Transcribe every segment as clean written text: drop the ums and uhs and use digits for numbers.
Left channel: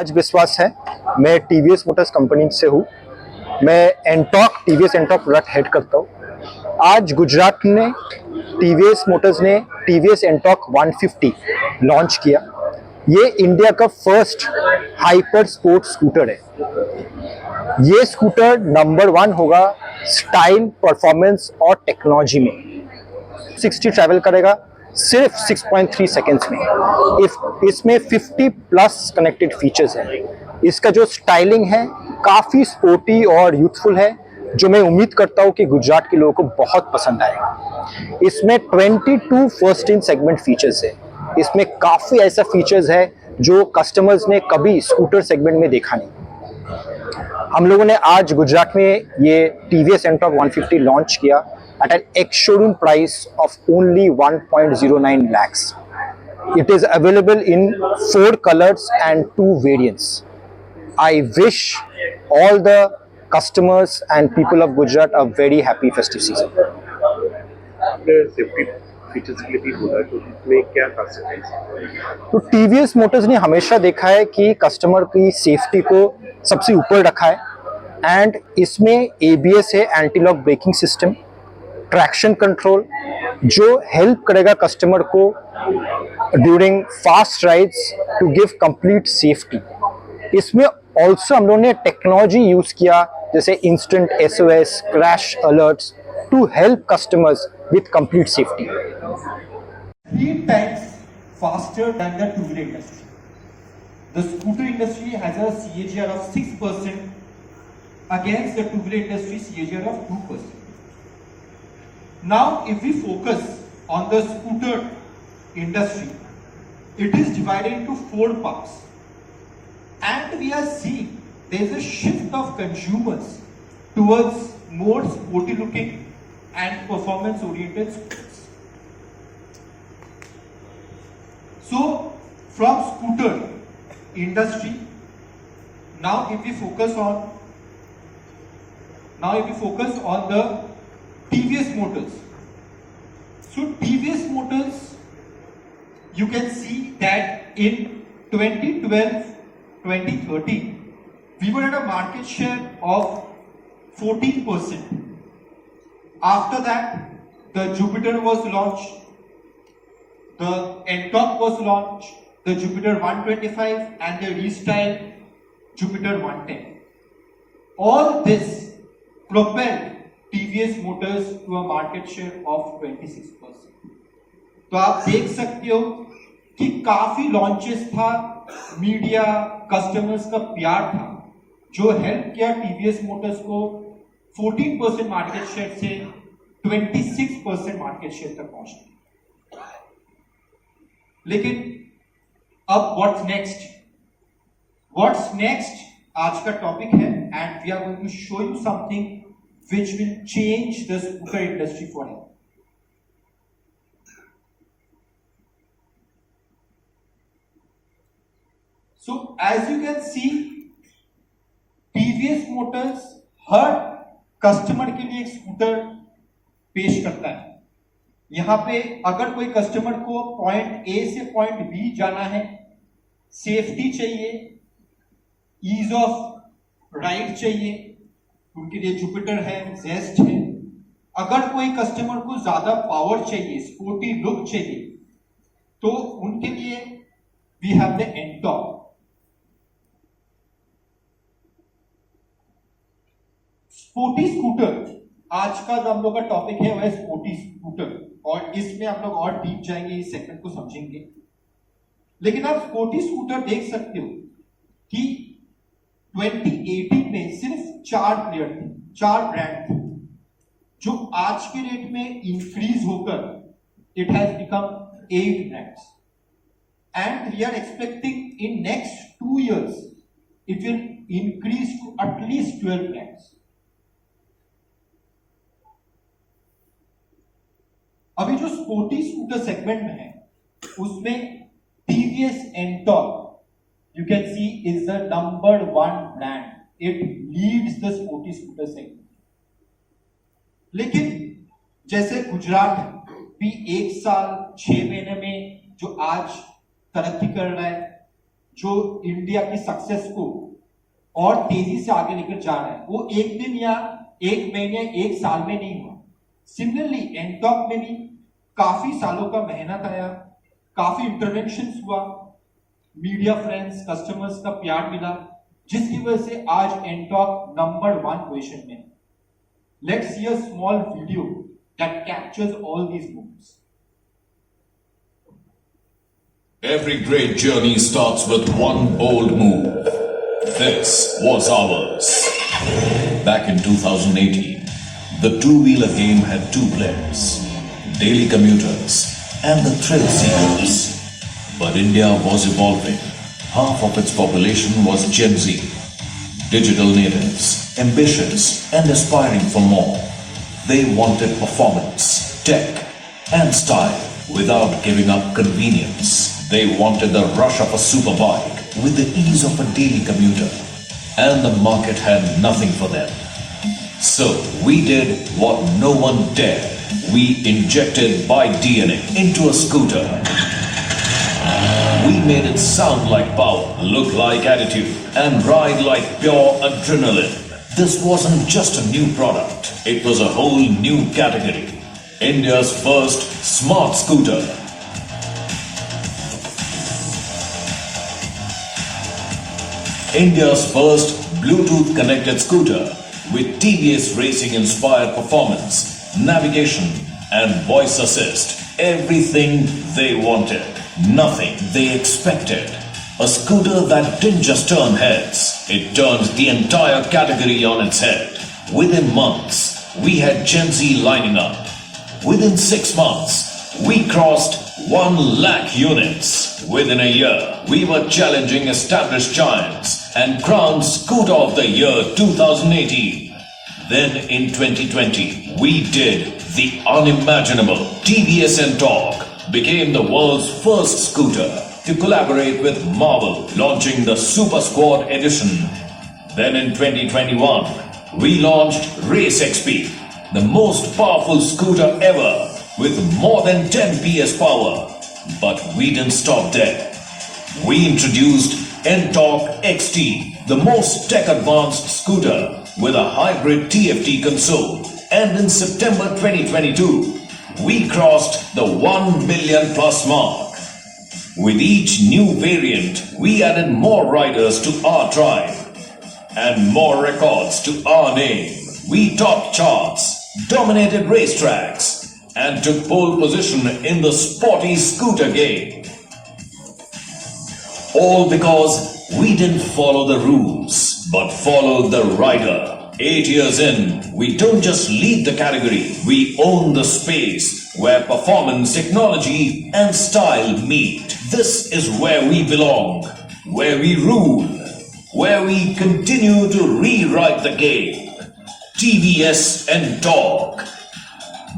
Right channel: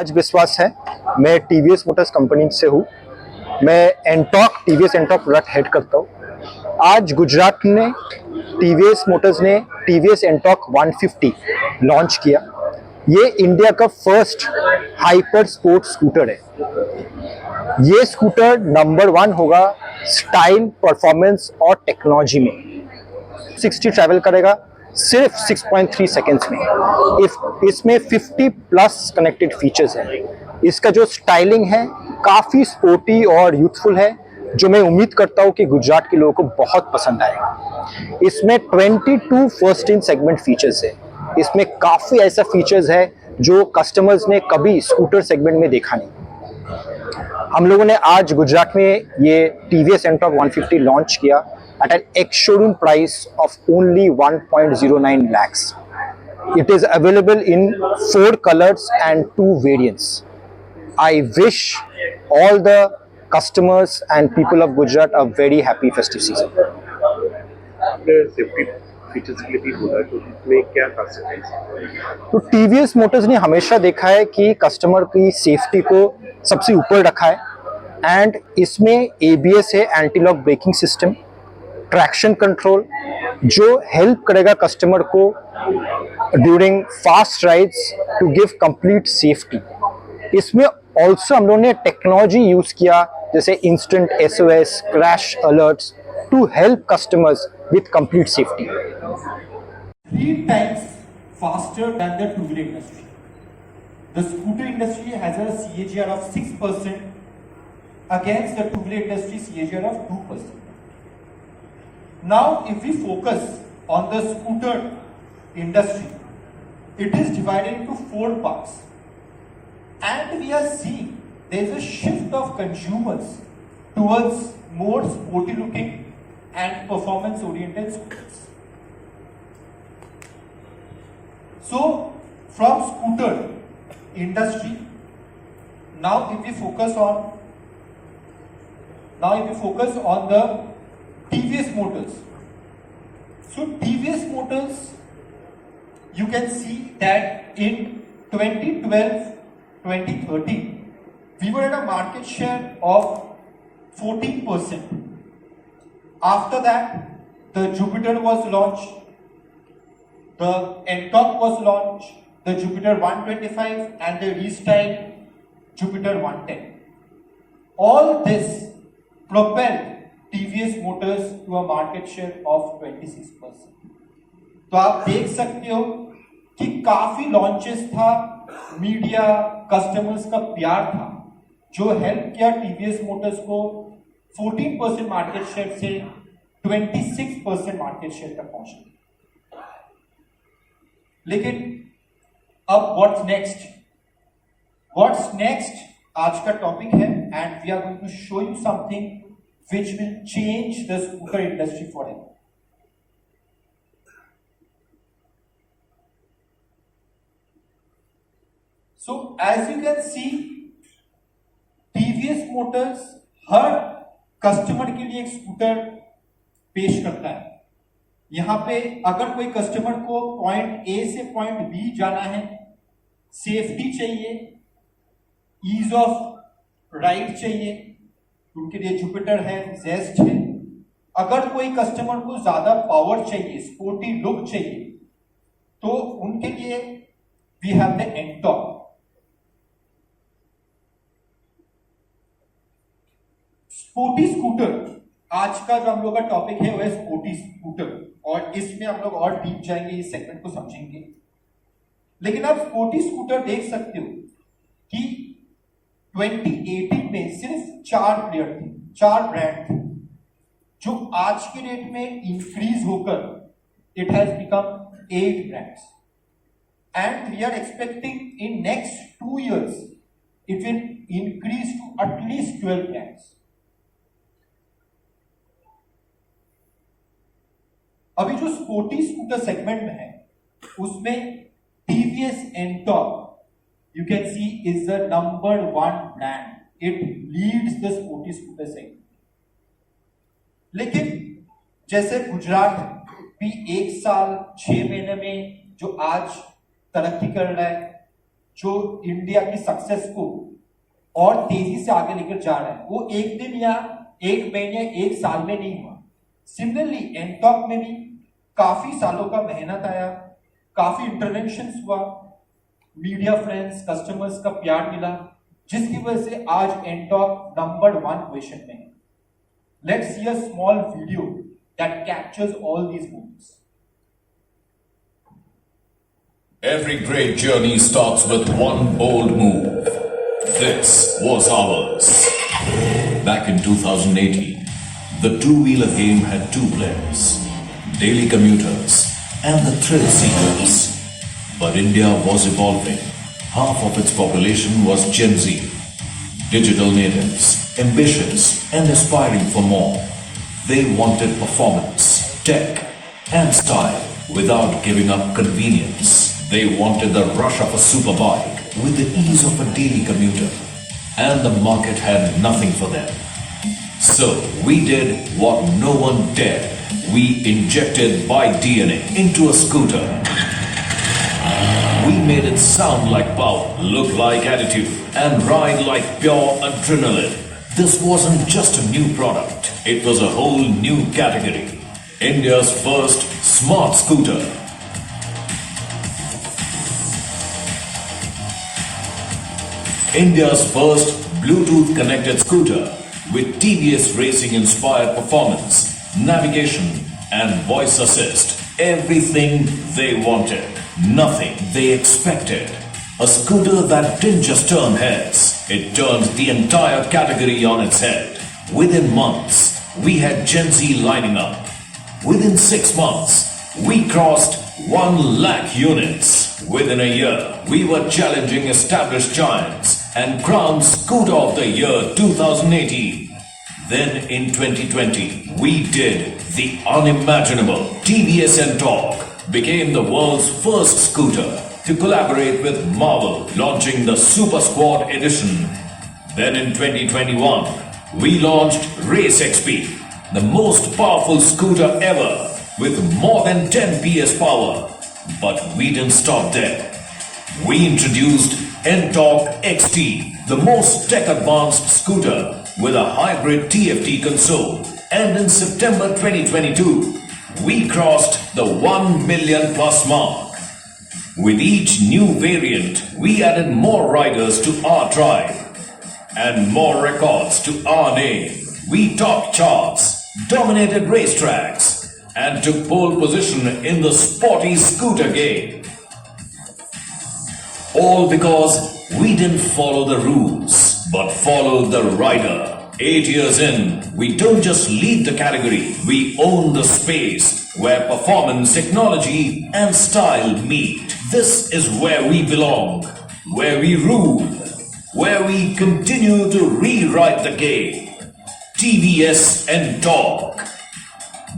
आज विश्वास है। मैं टीवीएस मोटर्स कंपनी से हूँ। मैं एंटॉक टीवीएस एंटॉक प्रोडक्ट हेड करता हूँ। आज गुजरात ने टीवीएस मोटर्स ने टीवीएस एंटॉक 150 लॉन्च किया। ये इंडिया का फर्स्ट हाइपर स्पोर्ट स्कूटर है। ये स्कूटर नंबर 1 होगा स्टाइल, परफॉर्मेंस और टेक्नोलॉजी में। 60 ट्रैवल करेगा सिर्फ 6.3 सेकेंड्स में। इसमें 50 प्लस कनेक्टेड फीचर्स हैं। इसका जो स्टाइलिंग है काफ़ी स्पोर्टी और यूथफुल है, जो मैं उम्मीद करता हूँ कि गुजरात के लोगों को बहुत पसंद आएगा। इसमें 22 फर्स्ट इन सेगमेंट फीचर्स है। इसमें काफ़ी ऐसा फीचर्स है जो कस्टमर्स ने कभी स्कूटर सेगमेंट में देखा नहीं। हम लोगों ने आज गुजरात में ये टीवीएस एंटॉक 150 लॉन्च किया at an ex-showroom price of only 1.09 lakhs. It is available in 4 colors and 2 variants. I wish all the customers and people of Gujarat a very happy festive season. Safety features के लिए भी बोला, तो इसमें क्या खासियत है? तो टीवीएस मोटर्स ने हमेशा देखा है कि कस्टमर की सेफ्टी को सबसे ऊपर रखा है। एंड इसमें एबीएस है, anti lock braking system, traction control, जो हेल्प करेगा कस्टमर को during fast rides to give complete safety. इसमें ऑल्सो हम लोगों ने टेक्नोलॉजी यूज किया, जैसे instant SOS, crash alerts, to help customers with complete safety. 3 times faster than the two-wheeler industry. The scooter industry has a CAGR of 6% against the two-wheeler industry CAGR of 2%. Now, if we focus on the scooter industry, it is divided into 4 parts, and we are seeing there is a shift of consumers towards more sporty-looking and performance-oriented scooters. So, from scooter industry, now if we focus on the TVS Motors. So TVS Motors, you can see that in 2012-2013, we were at a market share of 14%. After that, the Jupiter was launched, the Ntorq was launched, the Jupiter 125 and the restyled Jupiter 110. All this propelled TVS Motors to a market share of 26%. तो आप देख सकते हो कि काफी लॉन्चेस था, media, customers का प्यार था, जो हेल्प किया TVS Motors को 14% मार्केट शेयर से 26% मार्केट शेयर तक पहुंचने। लेकिन अब व्हाट्स नेक्स्ट? व्हाट्स नेक्स्ट आज का टॉपिक है, and we are going to show you something which will change the scooter industry forever. So as you can see, TVS Motors हर कस्टमर के लिए एक स्कूटर पेश करता है। यहां पे अगर कोई कस्टमर को पॉइंट ए से पॉइंट बी जाना है, सेफ्टी चाहिए, ईज ऑफ राइड चाहिए, उनके लिए जुपिटर है, जेस्ट है। अगर कोई कस्टमर को ज्यादा पावर चाहिए, स्पोर्टी लुक चाहिए, तो उनके लिए we have the Ntorq. Sporty scooter आज का जो हम लोग का टॉपिक है वह है स्पोर्टी स्कूटर, और इसमें हम लोग और डीप जाएंगे, इस सेगमेंट को समझेंगे। लेकिन आप स्पोर्टी स्कूटर देख सकते हो कि 2018 में सिर्फ 4 प्लेयर थे, 4 ब्रांड थे, जो आज के डेट में इंक्रीज होकर it has become 8 brands, and we are expecting in next 2 years it will increase to at least 12 brands. अभी जो स्पोर्टी स्कूटर सेगमेंट में है उसमें TVS Ntorq you can see is the number 1 brand. It leads the sporty scooter segment. लेकिन जैसे गुजरात भी 1 साल 6 महीने में जो आज तरक्की कर रहा है, जो इंडिया की सक्सेस को और तेजी से आगे लेकर जा रहा है, वो एक दिन या एक महीने, एक साल में नहीं हुआ। सिमिलरली एनटॉक में भी काफी सालों का मेहनत आया, काफी इंटरवेंशंस हुआ, मीडिया फ्रेंड्स, कस्टमर्स का प्यार मिला, जिसकी वजह से आज एनटॉक नंबर 1 पोजीशन में है। Let's see a small video that captures all these moments. Every great journey starts with one bold move. This was ours. Back in 2018, the two-wheeler game had two players, daily commuters and the thrill seekers. But India was evolving. Half of its population was Gen Z, digital natives, ambitious and aspiring for more. They wanted performance, tech and style without giving up convenience. They wanted the rush of a superbike with the ease of a daily commuter. And the market had nothing for them. So we did what no one dared. We injected bike DNA into a scooter. We made it sound like power, look like attitude, and ride like pure adrenaline. This wasn't just a new product. It was a whole new category. India's first smart scooter. India's first Bluetooth connected scooter with TVS racing inspired performance, navigation and voice assist. Everything they wanted, nothing they expected. A scooter that didn't just turn heads, it turned the entire category on its head. Within months, we had Gen Z lining up. Within 6 months, we crossed 1 lakh units. Within a year, we were challenging established giants and crowned Scooter of the Year 2018. Then in 2020, we did the unimaginable. TVS Ntorq became the world's first scooter to collaborate with Marvel, launching the Super Squad Edition. Then in 2021, we launched Race XP, the most powerful scooter ever with more than 10 PS power. But we didn't stop there. We introduced Ntorq XT, the most tech-advanced scooter with a hybrid TFT console. And in September 2022, we crossed the 1 million plus mark. With each new variant, we added more riders to our tribe and more records to our name. We topped charts, dominated racetracks, and took pole position in the sporty scooter game. All because we didn't follow the rules, but followed the rider. 8 years in, we don't just lead the category, we own the space where performance, technology and style meet. This is where we belong, where we rule, where we continue to rewrite the game. TVS Ntorq.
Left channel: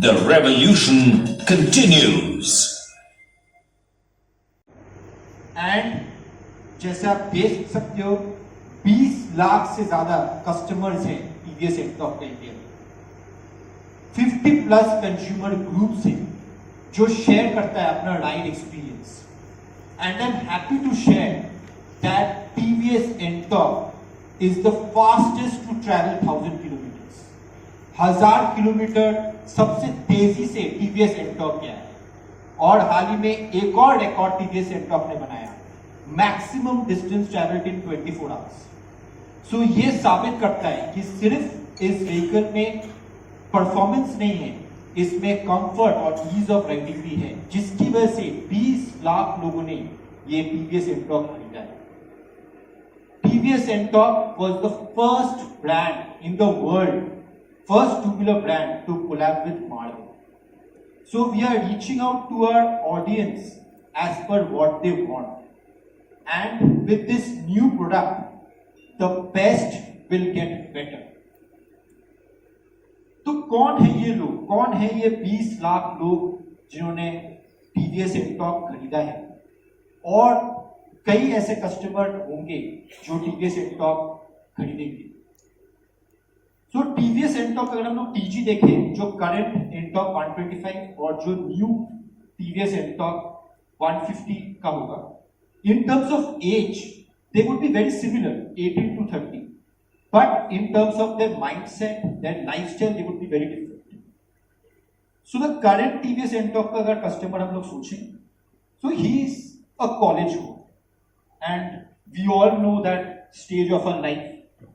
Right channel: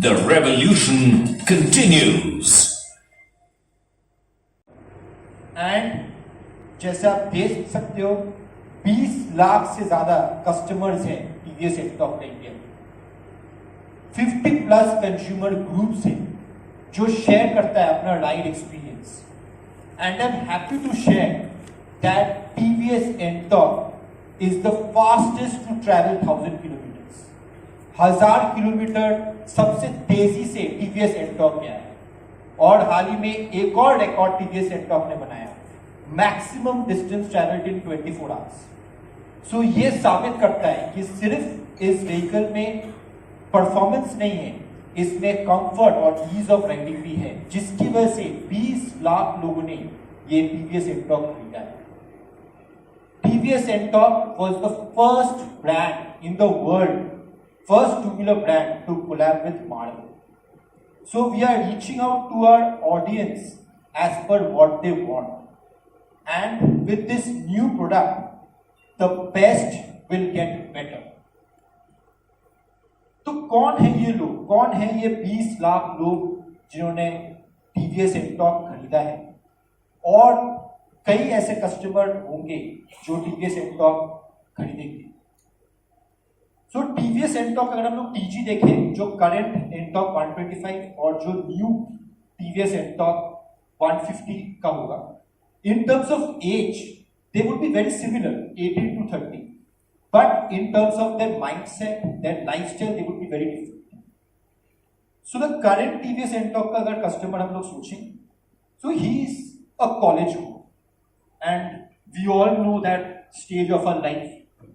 The revolution continues. And जैसे आप देख सकते हो 20 लाख से ज्यादा कस्टमर्स हैं टीवीएस एनटॉक इंडिया में। 50 प्लस कंज्यूमर ग्रुप्स हैं जो शेयर करता है अपना ride experience. And I am happy to share that TVS NTorq is the fastest to travel 1000 kilometres. 1000 kilometre सबसे तेजी से टीवीएस एनटॉक गया है। और हाल ही में एक और रिकॉर्ड टीवीएस एनटॉक ने बनाया, maximum distance travelled in 24 hours. So ये साबित करता है कि सिर्फ इस व्हीकल में परफॉर्मेंस नहीं है, इसमें कंफर्ट और ईज ऑफ राइडिंग भी है, जिसकी वजह से 20 लाख लोगों ने ये टीवीएस एनटॉक खरीदा है। TVS NTorq was the first brand in the world, first two-wheeler brand to collab with Marvel. So we are reaching out to our audience as per what they want. And with this new product, the best will get better. तो कौन है ये लोग, कौन है ये 20 लाख लोग जिन्होंने TVS Ntorq खरीदा है? और कई ऐसे कस्टमर होंगे जो TVS Ntorq खरीदेंगे। सो टीवीएस एनटॉक अगर हम लोग टीजी देखें, जो करंट एनटॉक 125 और जो न्यू टीवीएस एनटॉक 150 का होगा, In terms of age, they would be very similar, 18 to 30. But in terms of their mindset, their lifestyle, they would be very different. So the current TVS Ntorq का अगर customer हम लोग सोचें, so he is a college boy, and we all know that stage of our life.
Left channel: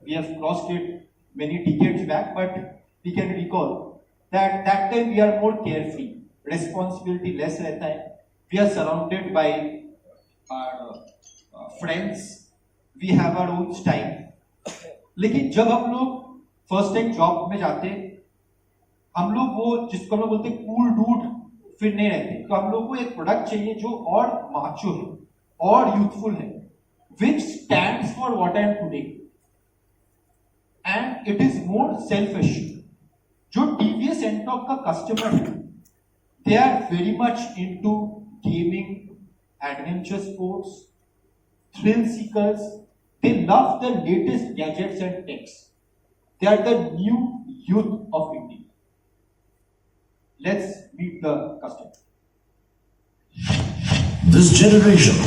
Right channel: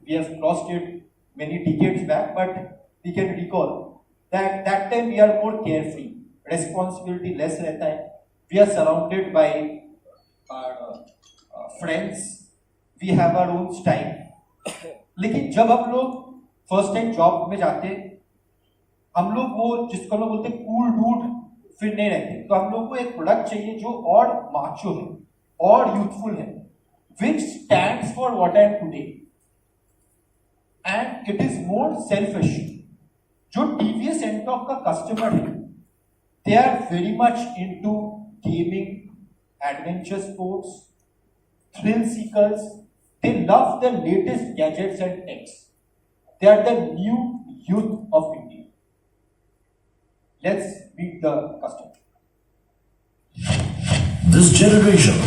We have crossed it many decades back, but we can recall that that time we are more carefree, responsibility less रहता है. We are surrounded by our friends. We have our own style. लेकिन जब हम लोग first time job में जाते, हम लोग वो जिसको हम लोग बोलते कूल डूड फिर नहीं रहते. तो हम लोग को एक प्रोडक्ट चाहिए जो और माचो है और यूथफुल है, which stands for what I am today, and it is more self-assured. जो TVS Ntorq का कस्टमर है, they are very much into gaming, adventure sports, thrill seekers. They love the latest gadgets and techs. They are the new youth of India. Let's meet the customer. This generation,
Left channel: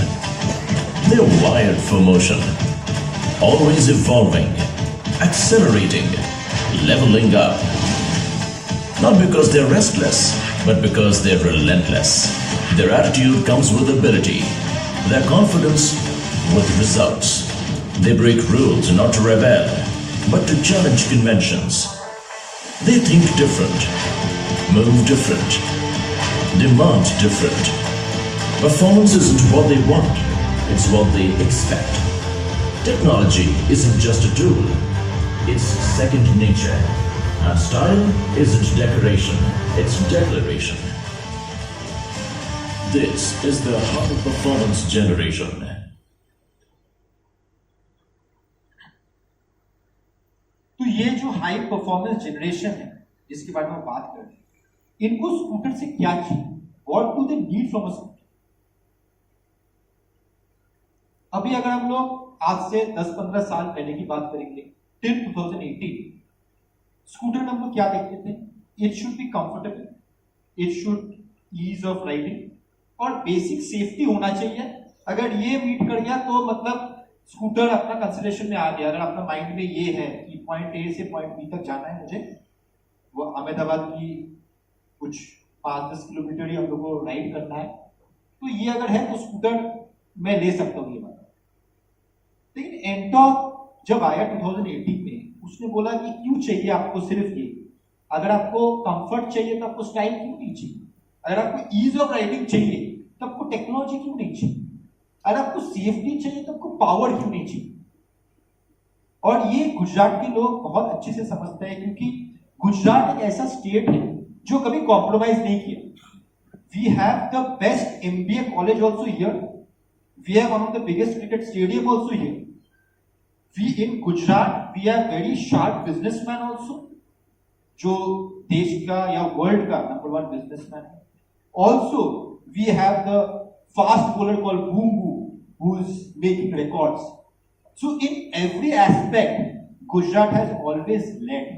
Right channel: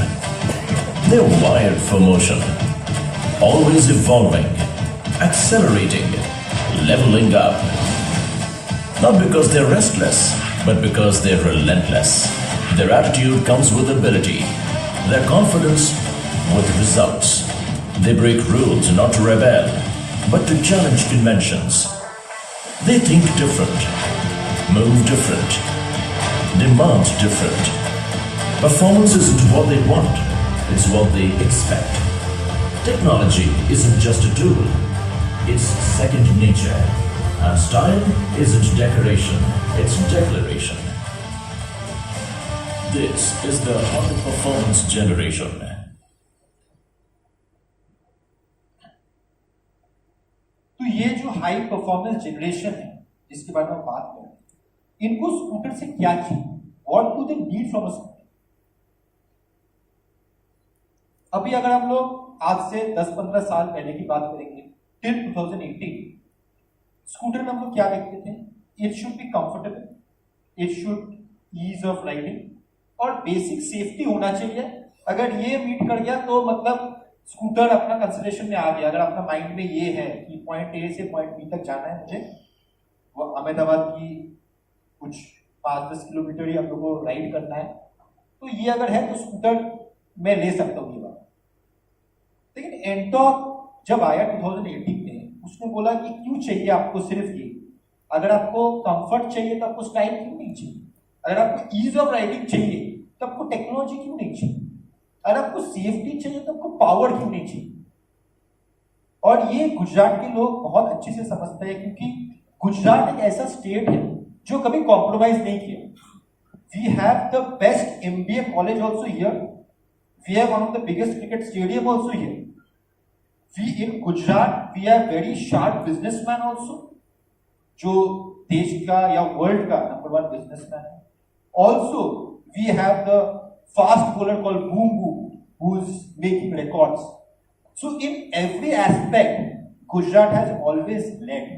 they're wired for motion, always evolving, accelerating, leveling up. Not because they're restless, but because they're relentless. Their attitude comes with ability, their confidence with results. They break rules not to rebel, but to challenge conventions. They think different, move different, demand different. Performance isn't what they want, it's what they expect. Technology isn't just a tool, it's second nature. And style isn't decoration, it's declaration. This is the high performance generation. तो ये जो high performance generation है जिसके बारे में बात कर रहे हैं, इनको स्कूटर से क्या चाहिए? What do they need from a scooter? अभी अगर हम लोग आज से 10-15 साल पहले की बात करेंगे, टिल 2018, स्कूटर में हम लोग क्या देखते थे? It should be comfortable, it should ease of riding और बेसिक सेफ्टी होना चाहिए. अगर ये मीट कर गया तो मतलब स्कूटर अपना कंसिडरेशन में आ गया. अगर आपका माइंड में ये है कि पॉइंट ए से पॉइंट बी तक जाना है मुझे, वो अहमदाबाद की कुछ 5-10 किलोमीटर ही हम लोग को राइड करना है, तो ये अगर है तो स्कूटर मैं ले सकता हूँ ये बात. लेकिन एंटॉर्क जब आया 2018 में, उसने बोला कि क्यों चाहिए आपको सिर्फ ये? अगर आपको कंफर्ट चाहिए तो आपको स्टाइल क्यों नहीं चाहिए? अगर आपको ईज ऑफ राइडिंग चाहिए तो आपको टेक्नोलॉजी क्यों नहीं चाहिए? अगर आपको सेफ्टी चाहिए तो आपको पावर क्यों नहीं चाहिए? और ये गुजरात के लोग बहुत अच्छे से समझते हैं, क्योंकि गुजरात एक ऐसा स्टेट है जो कभी कॉम्प्रोमाइज नहीं किया. We have the best MBA college also here. We have one of the biggest cricket stadium also here. We in Gujarat we have very sharp businessman also, जो देश का या वर्ल्ड का नंबर 1 बिजनेसमैन है. Also we have the fast bowler called Boom Boom, who's making records. So in every aspect, Gujarat has always led.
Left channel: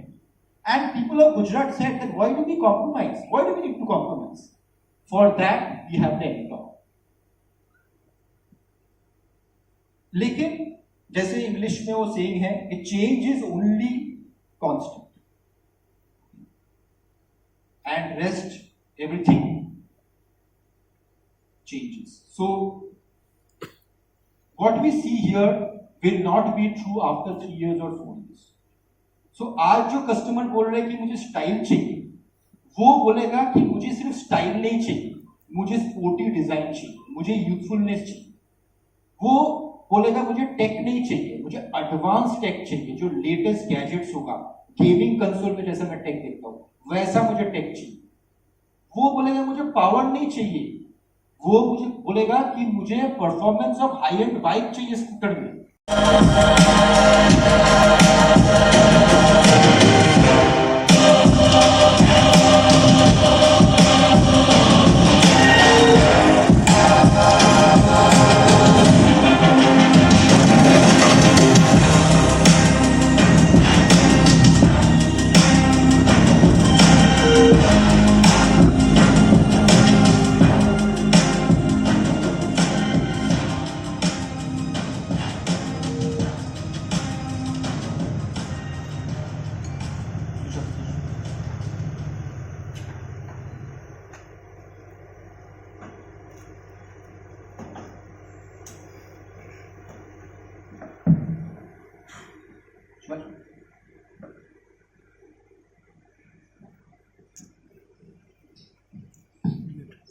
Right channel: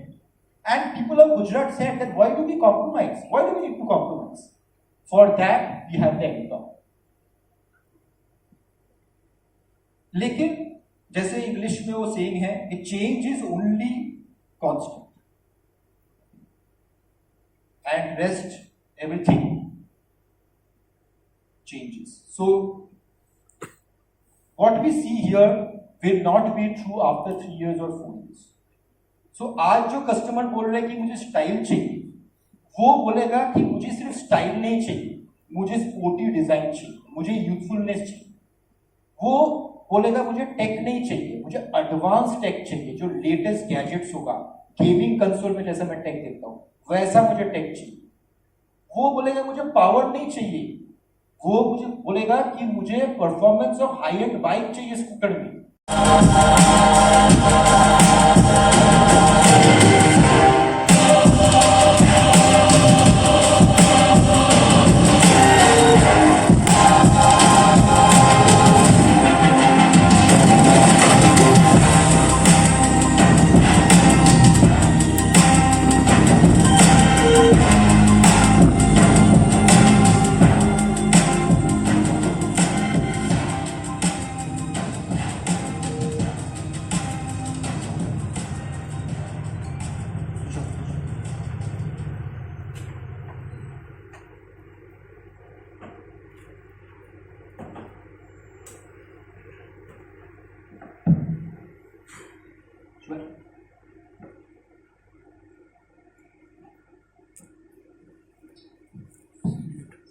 And people of Gujarat said that why do we compromise? Why do we need to compromise? For that, we have the Ntorq. लेकिन जैसे इंग्लिश में वो सेइंग है कि change is only constant. And rest, everything changes. So what we see here will not be true after 3 years or 4 years. So आज जो कस्टमर बोल रहे हैं कि मुझे स्टाइल चाहिए, वो बोलेगा कि मुझे सिर्फ स्टाइल नहीं चाहिए, मुझे स्पोर्टी डिजाइन चाहिए, मुझे यूथफुलनेस चाहिए. वो बोलेगा मुझे टेक नहीं चाहिए, मुझे एडवांस टेक चाहिए, जो लेटेस्ट गैजेट्स होगा, गेमिंग कंसोल में जैसा मैं टेक देखता हूं वैसा मुझे टेक चाहिए. वो बोलेगा मुझे पावर नहीं चाहिए, वो मुझे बोलेगा कि मुझे performance of high and bike चाहिए स्कूटर में.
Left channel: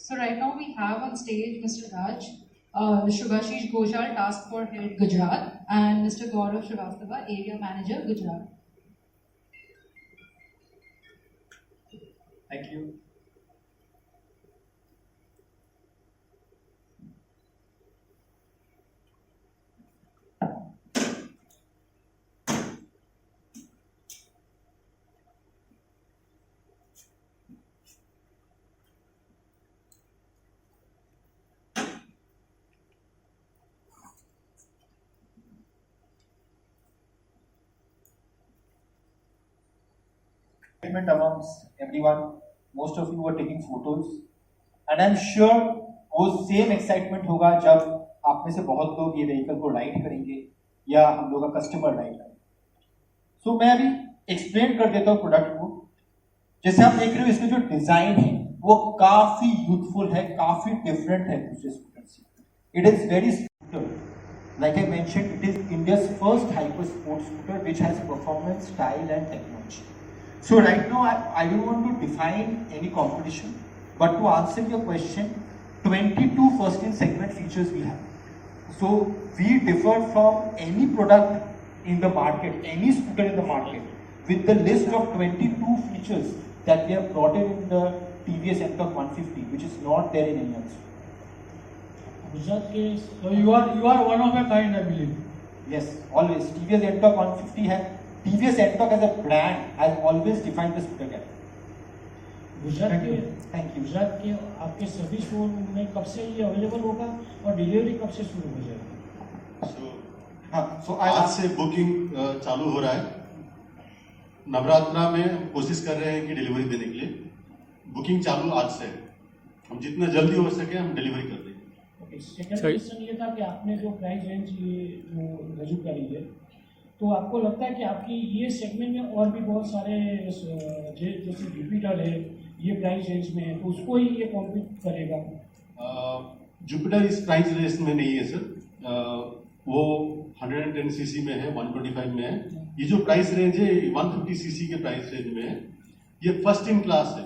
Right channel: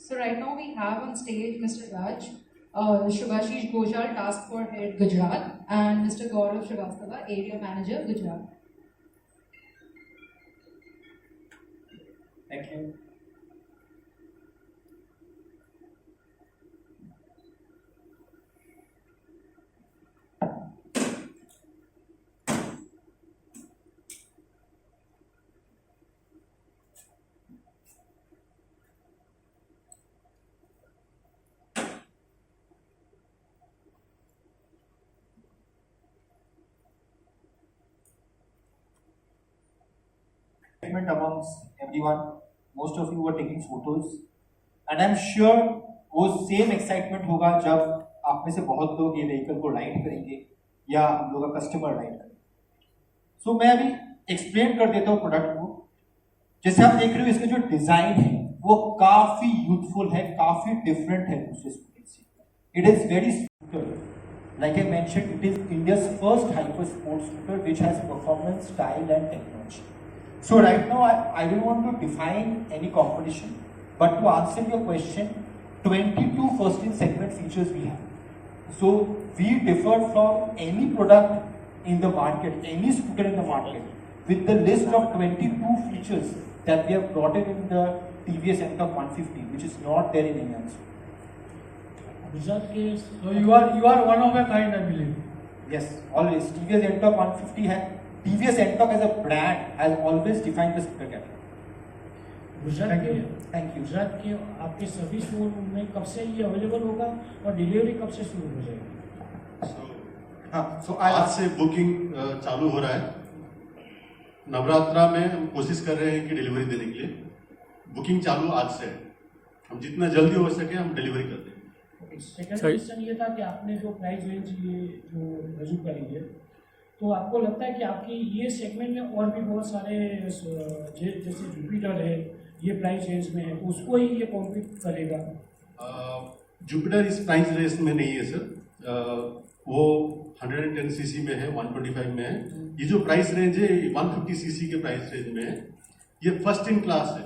So right now we have on stage Mr. Raj, Shubhashish Gojal, Task Force Head, Gujarat, and Mr. Gaurav Srivastava, Area Manager, Gujarat. Thank you. Excitement amongst everyone. Most of you were taking photos, and I'm sure वो same excitement होगा जब आप में से बहुत लोग ये व्हीकल को राइड करेंगे या हम लोग का कस्टमर राइड करेंगे। सो मैं अभी एक्सप्लेन कर देता हूँ प्रोडक्ट को। जैसे आप देख रहे हो इसका जो डिजाइन है वो काफी यूथफुल है, काफी डिफरेंट है दूसरे स्कूटर से। It is very scooter, like I mentioned, it is India's first hyper sports scooter which has performance, style and technology. So right now I don't want to define any competition, but to answer your question, 22 first in segment features we have. So we differ from any product in the market, any scooter in the market, with the list of 22 features that we have brought in the TVS NTORQ 150, which is not there in any other. Gujarat case, so you are one of a kind, I believe. Yes, always. TVS NTORQ 150 है. TVS NTORQ as a brand has always defined the scooter category. Gujarat के Thank you. Gujarat के आपके सभी स्टोर में कब से ये अवेलेबल होगा और डिलीवरी कब से शुरू हो जाएगी? So आज से बुकिंग चालू हो रहा है। नवरात्रा में हम कोशिश कर रहे हैं कि डिलीवरी देने के लिए। बुकिंग चालू आज से है। हम जितना जल्दी हो सके हम डिलीवरी कर देंगे। सेकंड क्वेश्चन ये था कि आपने जो प्राइस रेंज ये जो रजू करी है, तो आपको लगता है कि आपकी ये सेगमेंट में और भी बहुत सारे जैसे जुपिटर है ये प्राइस रेंज में है, तो उसको ही ये कॉम्पीट करेगा? जुपिटर इस प्राइस रेंज में नहीं है सर। वो 110 सीसी में है, 125 में है। ये जो प्राइस रेंज है 150 सीसी के प्राइस रेंज में है। ये फर्स्ट इन क्लास है।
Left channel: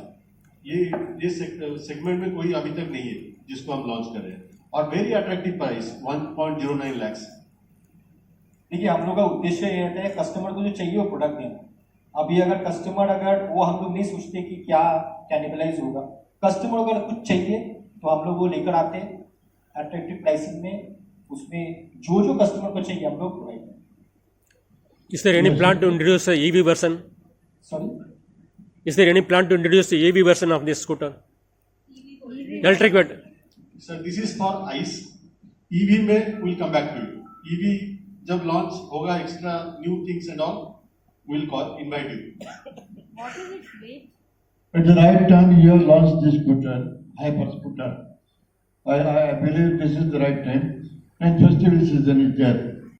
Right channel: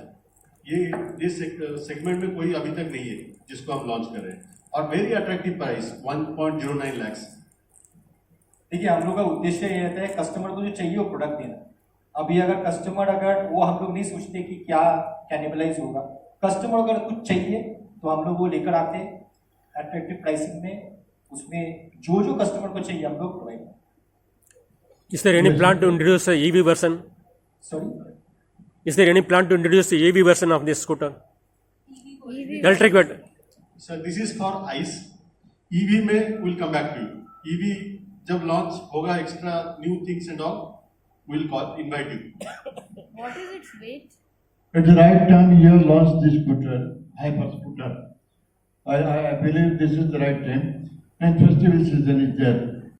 ये सेगमेंट में कोई अभी तक नहीं है जिसको हम लॉन्च कर रहे हैं, और वेरी अट्रैक्टिव प्राइस 1.09 लाख। देखिए, हम लोग का उद्देश्य ये रहता है कस्टमर को जो चाहिए वो प्रोडक्ट देना। अभी अगर कस्टमर वो हम लोग नहीं सोचते कि क्या कैनिबलाइज होगा। कस्टमर अगर कुछ चाहिए तो हम लोग वो लेकर आते हैं अट्रैक्टिव प्राइसिंग में। उसमें जो कस्टमर को चाहिए हम लोग provide. Is there any plan to introduce a EV version? Sorry? Is there any plan to introduce the EV version of this scooter? Electric version. Sir this is for ICE. EV में will come back to you. EV जब launch होगा, extra new things and all, will call invite you. What is its weight? At the right time, you have launched this scooter, hyper scooter. I believe this is the right time, and festival season is there.